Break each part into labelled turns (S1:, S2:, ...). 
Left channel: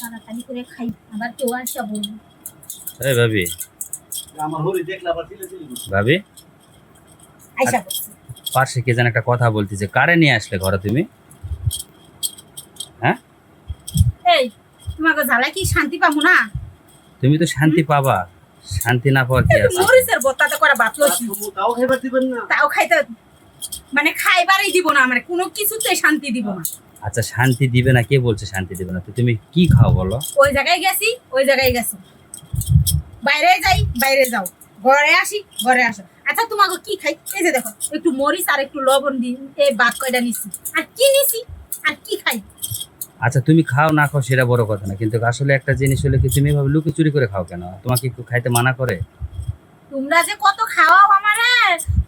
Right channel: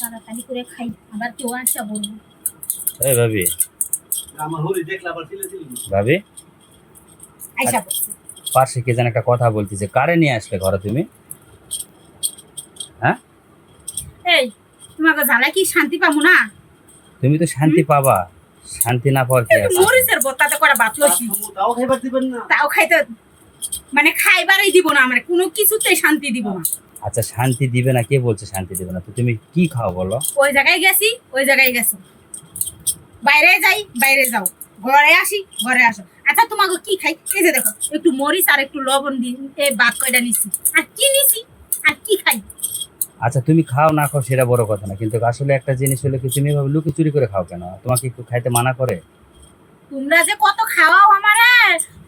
S1: তাড়াতাড়ি করে খাই আবার কেউ আসা বলব।
S2: এই ভাবি।
S3: আমার
S2: ভাবি?
S1: আইসা বলছে
S2: পাশে কে যেন একটা কথা বলতেছে কারে নিয়ে আসলে ঘরে তুমি?
S1: এই তোমাকে জ্বালা কি শান্তি পাবো না?
S2: তুমি তো শান্তি পাবা। শান্তি না পাওয়ার কি আছে?
S1: মরিচের বত্তাতে করে ভাত লসি
S3: তাও খাইবার দিবেন না।
S1: তাও খাইতে মানে খাইবারই দিব না মানে কোনো কিছুতে শান্তি দিব না।
S2: আচ্ছা শান্তি দিবে না? কে বলছে শান্তি দিবে না? তো তুমি কি খাও বলো?
S1: ওই জায়গায় গেছি ওই জায়গায় গেছো। বাইরে যাই বাইরে যাও। ঘরে আসি ঘরে আসো। আচ্ছা তোমাকে কি খাই? এই যে দেখো একটু মরিচ আর একটু লবণ দিই এই কয়টা নিছি। আর কি নিছি? আর কি খাই?
S2: আচ্ছা তুমি খাও না খাও সেটা বড় কথা না। কিন্তু আসলে একটা জিনিস হলে কি তুমি এভাবে লুকি চুরি করে খাও কেন? তোমাকে একটু খাইতে মানা করে?
S1: তোমরা যে কত খাওয়াও আমারে?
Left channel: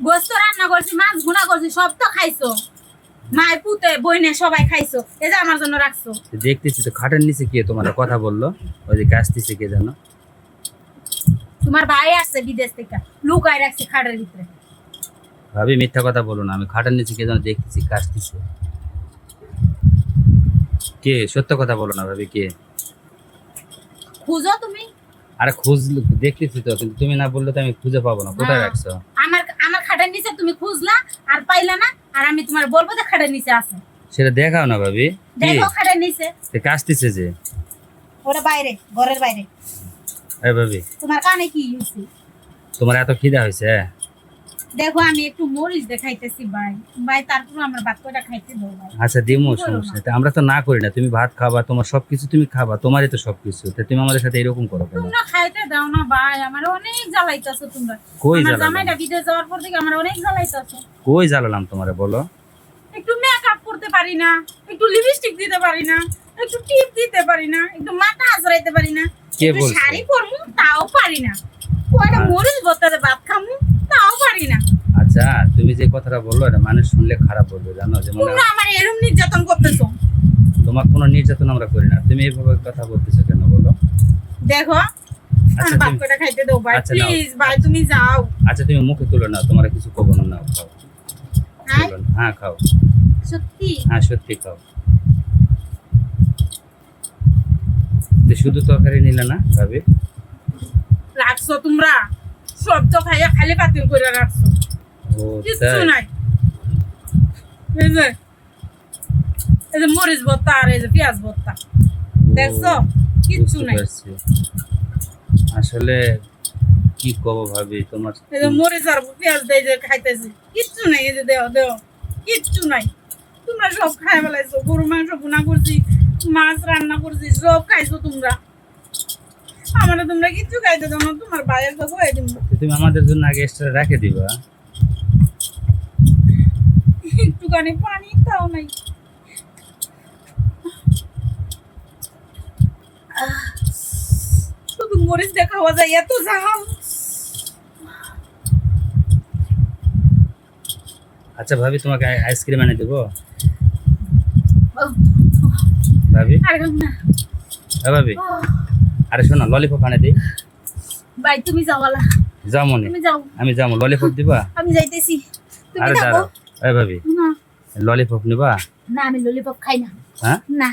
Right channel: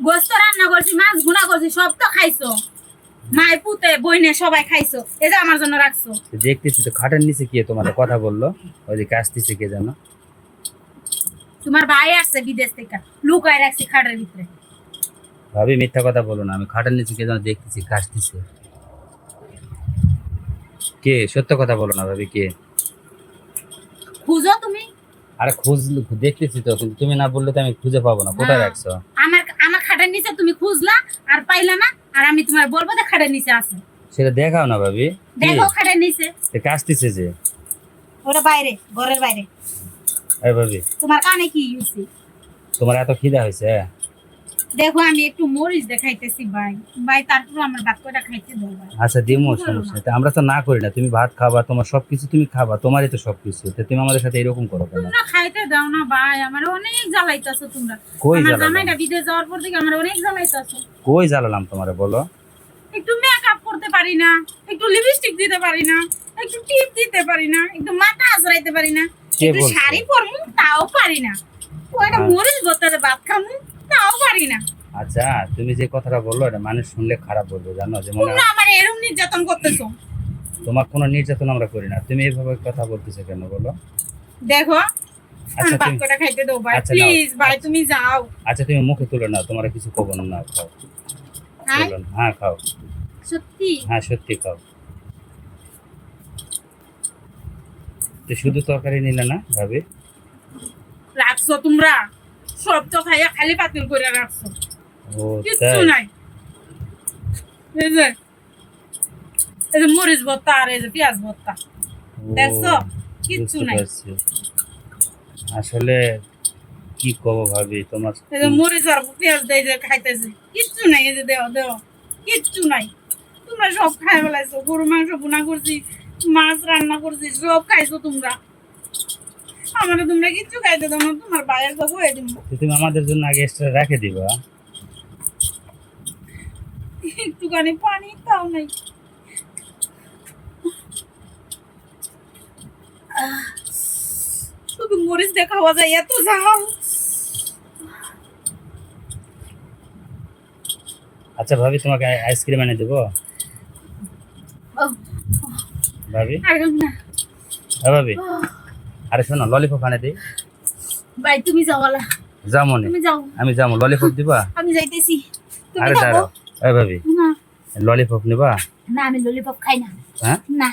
S1: গোস্ত রান্না করছি মাছ গুনা করছি সব তো খাইছো। মায় পুতে বইনে সবাই খাইছো। এই যে আমার জন্য রাখছো।
S2: দেখতেছি তো খাটের নিচে কে তোমার কথা বলল? ওই যে গাছতেছে কে জানো?
S1: তোমার ভাই আসছে বিদেশ থেকে লুকায় রাখছি খাটের ভিতরে।
S2: ভাবি মিথ্যা কথা বলো না আমি খাটের নিচে কে জানো দেখতেছি কাশতেছে কে? সত্য কথা বলো না ভাবি কে?
S1: খুঁজো তুমি।
S2: আরে খুঁজ দেখতেছি তো কিন্তু তুমি না বললে তো আমি খুঁজে পাবো না। কোথায় রাখছো?
S1: আমার আমার খাটের নিচে তুমি খুঁজলা আর পাইলা না আর আমি তোমার বলব যে খাটের নিচে আছে
S2: সেটা দেখাও না ভাবি।
S1: দেখো খাটের নিচে।
S2: সে কাশতেছে যে।
S1: ওরা বাইরে ঘরের বাইরে।
S2: এই ভাবি।
S1: তোমার কানে কি হয়েছে
S2: তোমার এত খিদা হয়েছে
S1: দেখো আমি একটু মরিচ দেখাইতেছি ভাই। ভাই তারপর আমার কয়টা খাইতে দাও ভাই।
S2: আচ্ছা দিমো সমস্যা। নেই। আমরা তো না করি না। তুমি ভাত খাবা তোমার সবকিছু তুমি খাবা তোমারই তো সবকিছু। তো তুমি আমাদের সাথে এরকম করো কেন?
S1: তোমরা খাইতে দাও না ভাই। আমার অনেক জ্বালাইতেছো তোমরা।
S2: কই
S1: আমার জামাইটা বিদেশ যাওয়ার পর থেকে আমার অনেক জ্বালাইতেছো।
S2: কই জ্বালালাম তোমারে বলো?
S1: একটু মেকআপ করতে পারি না একটু লিপস্টিক দিতে পারি না একটু টিপ দিতে পারি না একটু মাথা আজরাইতে পারি না একটু শাড়ি পরমু তাও পারি না। কয়টা
S2: হ্যাঁ।
S1: মরিচ ভাত খামু পারি না।
S2: আচ্ছা তুমি যে কথাটা বলল এটা মানুষ শুনলে খারাপ বলবে জানো?
S1: তোমরা আমার এরম নির্যাতন করতেছো।
S2: তোমার কোনো নির্যাতন আমরা করি না। তুমি এইভাবে কথা বলতেছো কেন বলো?
S1: দেখো
S2: আচ্ছা
S1: খাইতে দাও ভাই।
S2: আচ্ছা,
S1: প্লিজ ভাই তুমি যাও।
S2: আচ্ছা তুমি মুখে তুলে তোমার কিছু কব না নাও খাও।
S1: হ্যাঁ।
S2: হ্যাঁ খাও।
S1: সত্যি?
S2: হ্যাঁ সত্যি খাও। শুধু তরকারি নিলে না ভাবি?
S1: রাখছো তোমরা? সব তো খাইয়া খালি পাতিল করে রাখছো। কিচ্ছু নাই। এই যে এই যে মরিচ ভর্তা আর এই যে পেঁয়াজ ভর্তা দেখছ? কিচ্ছু নাই।
S2: আসলে কি কব ভাবি তোমার
S1: এই যে মরিচ আর পেঁয়াজ দিয়ে যে খাইতেছি। কিচ্ছু নাই এই যে দেও দেও কিচ্ছু নাই। তোমরা সব খাই বেলাইছো গরু মাংস বুনা করছি মাছ রান্না করছি সব খাইছো তোমরা। আমার তোমরা কিচ্ছু খাইতে দাও না তোমার বাইরের তো হয়ে দিব
S2: তুমি আমাদের জন্য আগে এক্সট্রা রেখে দিবা।
S1: একটুখানি পানি তাও নাই। শুধু মরিচ দিয়ে খাওয়া যায় এত ঝাল।
S2: আচ্ছা ভাবি তোমাকে আই- আইসক্রিম এনে দেবো? ভাবি? হ্যাঁ ভাবি? আরে শোনো ললিপপ আনে দিই।
S1: ভাই তুমি যাওয়ালা
S2: যামনি
S1: তুমি যাও।
S2: আমি যাব ললিপপ দিবা?
S1: আমি যাইতেছি।
S2: আরে দাঁড়াও। এই ভাবি
S1: না।
S2: ললিপপ নিবা?
S1: না আমি ললিপপ খাই না।
S2: হ্যাঁ?
S1: না।